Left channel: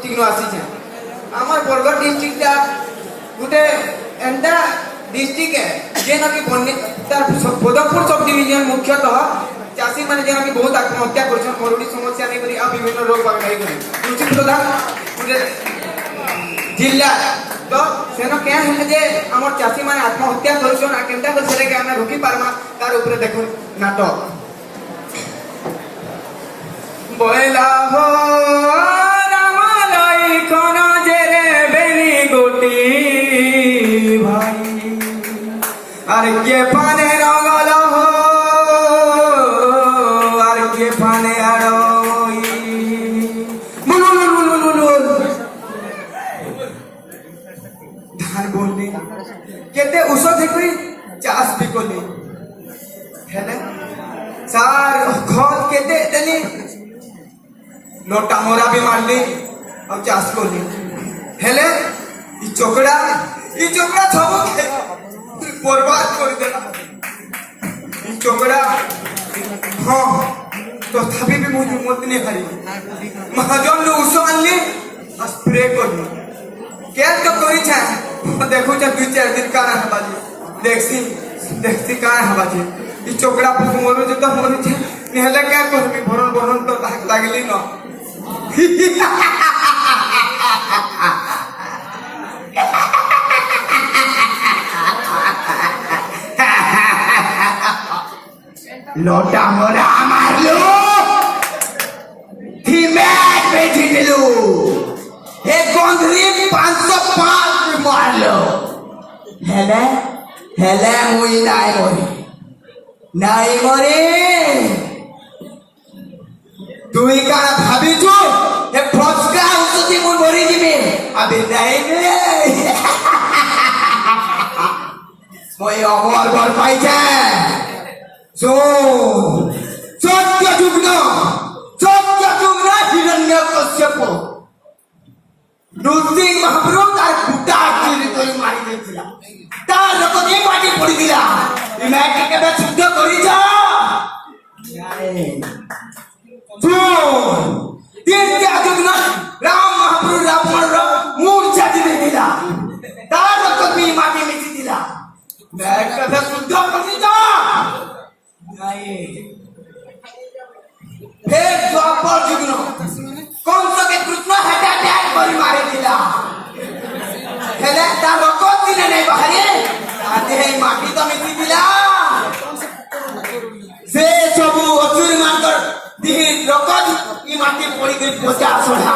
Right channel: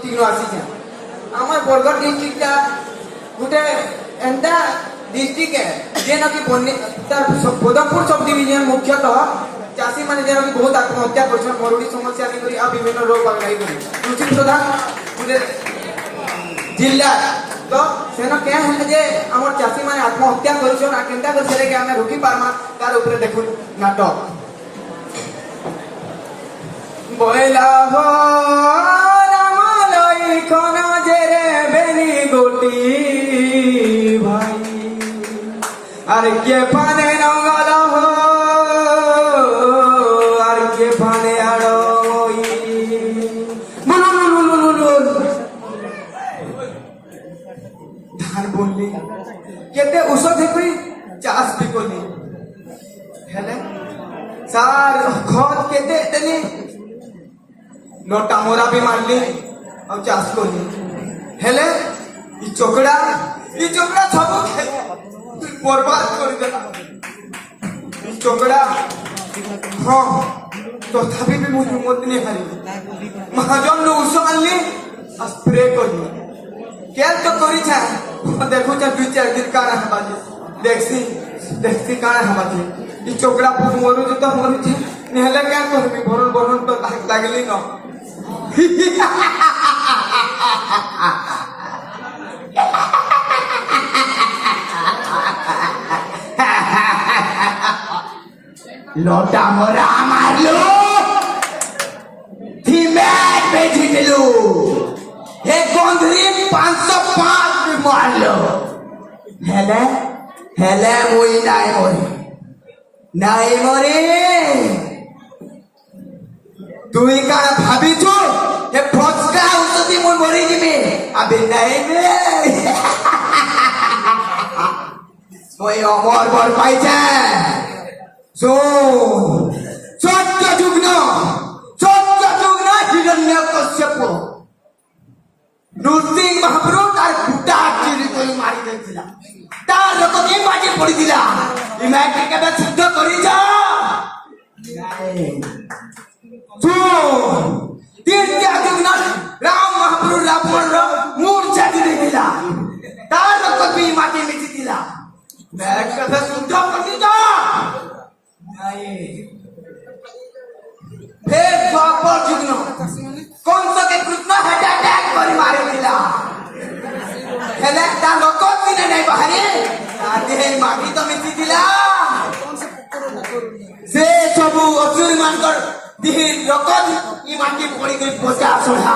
ଆସିଛେ আমার বরগড় ডিস্ট্রিক্টটা গোটে এন্টা ডিস্ট্রিক্ট যেনকি তার পদমপুর সব ডিভিজন মুখ্যতঃ চাষী মানে যেনকি বহুত আত্মহত্যা করছেন মরুড়ি সমস্যা নিয়ে করি আর বিভিন্ন রোগ বাগাই করি কৃষি প্রধান গোটে জিল্লা তো সেন কে হলে যে আমার চাষী মানে আত্মহত্যা করছেন আর কেনটা করে সেটাকে আমি রুকি পারমা তার উপরে দেখুন নাটক বয়লা কোন জেরে বেনি গোটি ভাই আর কে পানে রঙল আর কে পানে আড়ই ধান বললি কেতে ঔষধ করি চাষ বি করলি হেলে সার খত কেতে দেলি লটা মোরা বি মারলি ଆଉ ଚାଷ କଲି ହେଲେ ଇ ଚୋକଡା ସବୁ ବର୍ବାଦ କରିଦେଲା ଇ ଚୋକଡା ହଁ ତଥାପି ବି ମୁଁ ହିମ୍ମତ ନେଇ ହାରିଲି ମହାଜନରୁ ଉଷ ଆଣିଲି ଆଉ ସ୍ପ୍ରେ କଲି କେନ୍ ତ କରିଛେ ଦେଖୁଛେ 2-4 ଦିନ କାଣା ହେବା ଦେଖସି କାଣା ହେବା ଇ ଚୋକଡା ମରୁଛେ ତ ମରୁଛେ ନିହେଲେ କାଁ କରିବି ଭରଣ ତ ଲାଗିଲି ନ लोटा मोरा मारलो मैच में जीतलू हे गोंधरी 505 में मारलो हेले हेले मुई नाई मरे তুই কারা ভাবিছু যে ফসকা উসতি মুই মরি দিবি আবে নাই রে মই অমর বল পাইছে সত্য যুগ্ন হিরণ্যকশ্যপ নৃসিংহ মহাপ্রভু তার ফুটা চিরি করে মারি দিয়েছিল তার রক্ত দিয়ে মাটি পড়ি দিলা এই মাটি কেবে শুদ্ধ করিছ রাম মহাপ্রভু রাবণর মূর্ছা দিয়ে দিলা তার রক্ত দিয়ে মাটি মিশি দিলা কথা শুদ্ধ করিছ ফের দ্বাপর যুগ্ন কংসকে কৃষ্ণ হার্ট অ্যাটাক করে মারি দিলা হেলে তার রক্ত দিলে নাই বাহারে তাতে মাটি তো মিশি দিলা সে সবু অসুর মানকর দিহিন রক্ত ই মাটি পড়ি গই পচা সোনা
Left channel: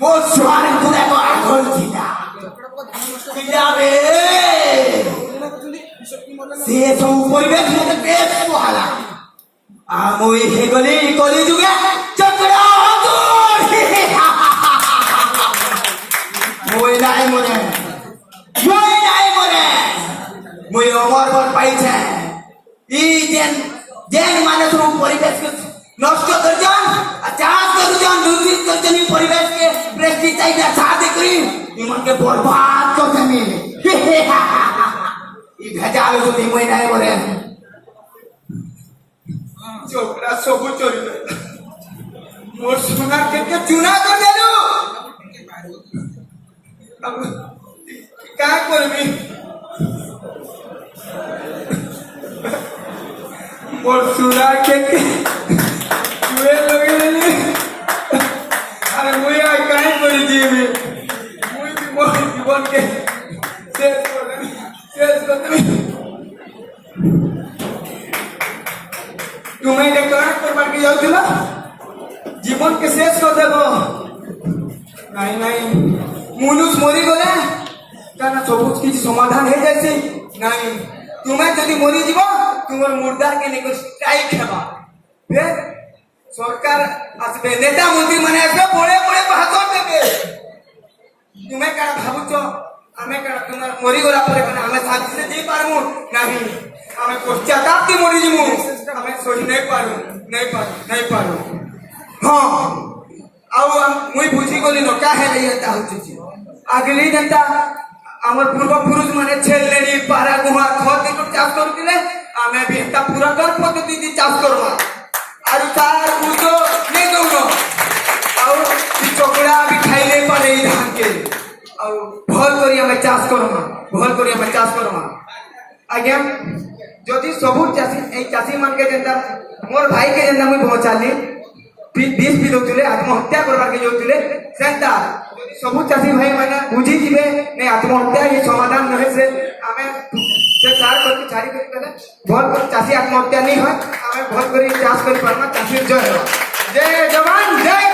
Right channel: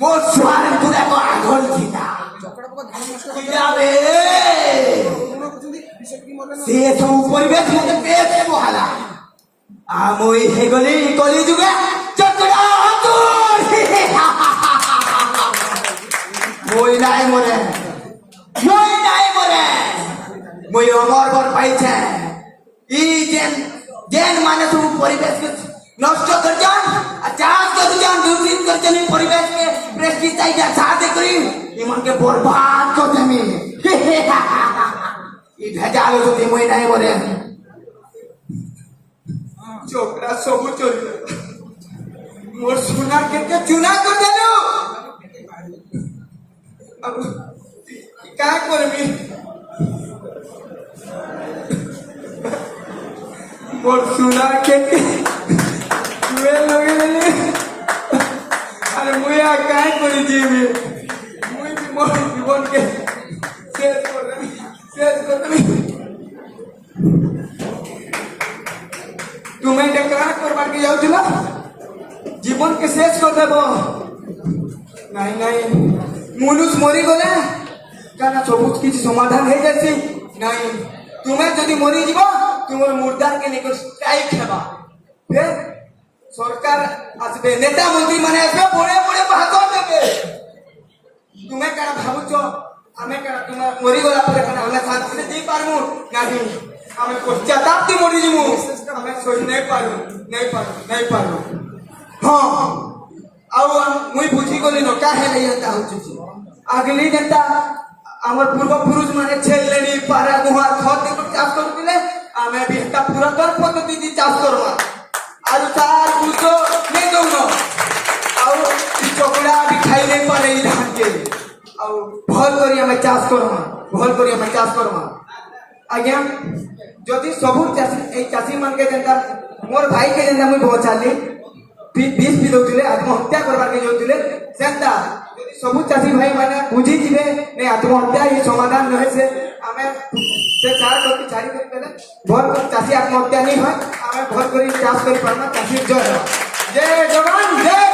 মোর সুহান গুলা তো আঘল দিলা দিলাবে সে সবু পরিবেশ মধ্যে বেশ পোহালা আমই হে গলি কলি যুগে চক্রা হতুর মই নাই মরে মই অমর বর পাইছে ই যেন মানে তো পরিবেশকে নষ্ট করছন আর চাষ করছন দুর্নীতি করছন পরিবেশকে পেস্টিসাইড সাথে করি ইমনকে বরবাদ করছন ই ভেজাল যদি মই নাই মরে চোকরা সবু চলবে মোর সোনা কেটে চুনা করে দেলু কা করবি মোর সোনা কেটে চুয়ে লগে আর মুই আর কাই করে দিবি মুই মোর জীবনকে শেষ করে তুমি কাজ করবার কি যাওছিল জীবনকে শেষ করে দেব নাই নাই মনুষ মরি গলে কারণ সবু কিছু সমাধান হয়ে যাচ্ছে নাই তুমি যদি মরি যাব তোমার মুর্দাকে নিয়ে স্ট্রাইক হেবা ফের সরকার আসবে নেতা মন্ত্রী মানে আসবে বড়ে বড়ে ভাষণ দেবে তুমি কারা ভাবুছ আমি কারা তোমার মরি গলা পরে আমি শান্তিতে যাই পারবো ନାହିଁ ଆମେ ପଶ୍ଚାତାପ ମରିଯିବୁ ଆମେ ସହି ନାଇଁ ପାରୁ ହଁ ଆଉ ମୁଇଁ ବୁଝିଗଲି ନ କାहे ଏନ୍ତା ହଉଛି ଆଗଲି ଯେନ୍ତା ଆମର ପୂର୍ବପୁରୁଷ ମାନେ ଛେଲେଣି ପାରା ଗୁହା ଖତ ଚାଷ କରୁଥିଲେ ଆମେ ବି ଏନ୍ତା ପୁରାତନ ପଦ୍ଧତି ଚାଷ କରବା ଆଉ ତାର ଉଷ ନେଇ ଦଉନ ଆଉ ଆଉ ଭଲ କରି ଆମେ ଚାଷ କରମା ଭଲ କରି ଆମେ ଚାଷ କରମା ଆଜ୍ଞା ଯଦି ସବୁ ଚାଷୀ ଏଇ ଚାଷୀ ମାନକେ ଯେନ୍ତା ମୋର ଭାଇକେ ଯେନ୍ତା ମୁଇଁ ପହଞ୍ଚାଲି ବିଷ ପି ଦଉଥିଲେ ଆତ୍ମହତ୍ୟା କରବାକେ ଯାଉଥିଲେ ସେନ୍ତା ଯଦି ସବୁ ଚାଷୀ ଭାଇ ମାନେ ବୁଝିଯିବେ ନାଇଁ ଆତ୍ମହତ୍ୟା ହିଁ ସମାଧାନ ନୁହେଁ ସେ ଆମେ ସେ ଚାଷ କରି ଛାଡ଼ି କରି ଦେଲେ ଭଲ କରି ଚାଷୀ ଆତ୍ମହତ୍ୟା ନେଇ হয় ଆମେ ଭଲ କରି ଚାଷ କରି ପାରମା ଚାଷୀ ଜୟ ଜୟ ଜବାନ ଜୟ